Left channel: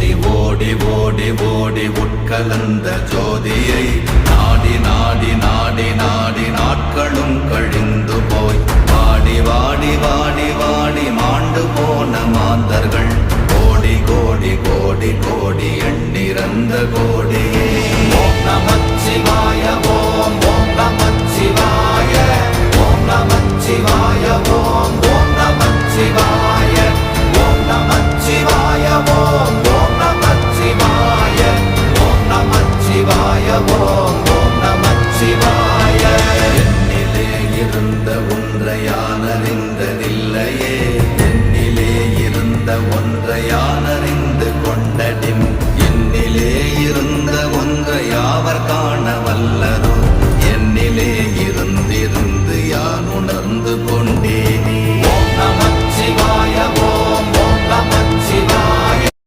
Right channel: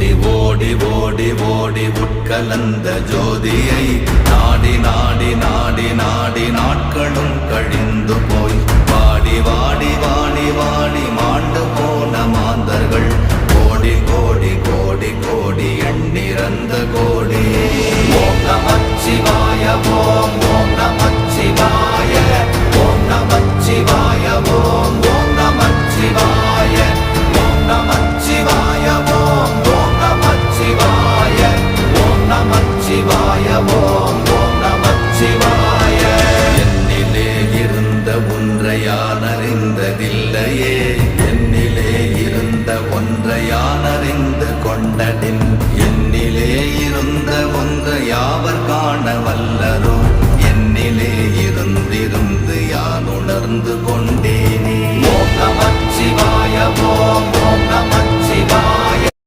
ஓடி ஓடி ஓடி உட்கலந்த ஜோதியை நாடி நாடி நாடி நாடி நாட்களும் கழிந்து போய் வாடி வாடி வாடி வாடி மாண்டு போன மாந்தர்கள் கோடி கோடி கோடி கோடி எண்ணிறந்த கோடி. ஓம் நமச்சிவாய ஓம் ஓம் நமச்சிவாய ஓம் நமச்சிவாய ஓம் ஓம் நமச்சிவாய ஓம் நமச்சிவாய ஓம் ஓம் நமச்சிவாய ஓம் நமச்சிவாய ஓம் ஓம் நமச்சிவாய. என்னிலே இருந்த ஒன்றை யான் அறிந்ததில்லையே, என்னிலே இருந்த ஒன்றை யான் அறிந்து கொண்டடின், என்னிலே இருந்த ஒன்றை யாவர் காண வல்லரோ, என்னிலே இருந்திருந்து யான் உணர்ந்து கொண்டேன்.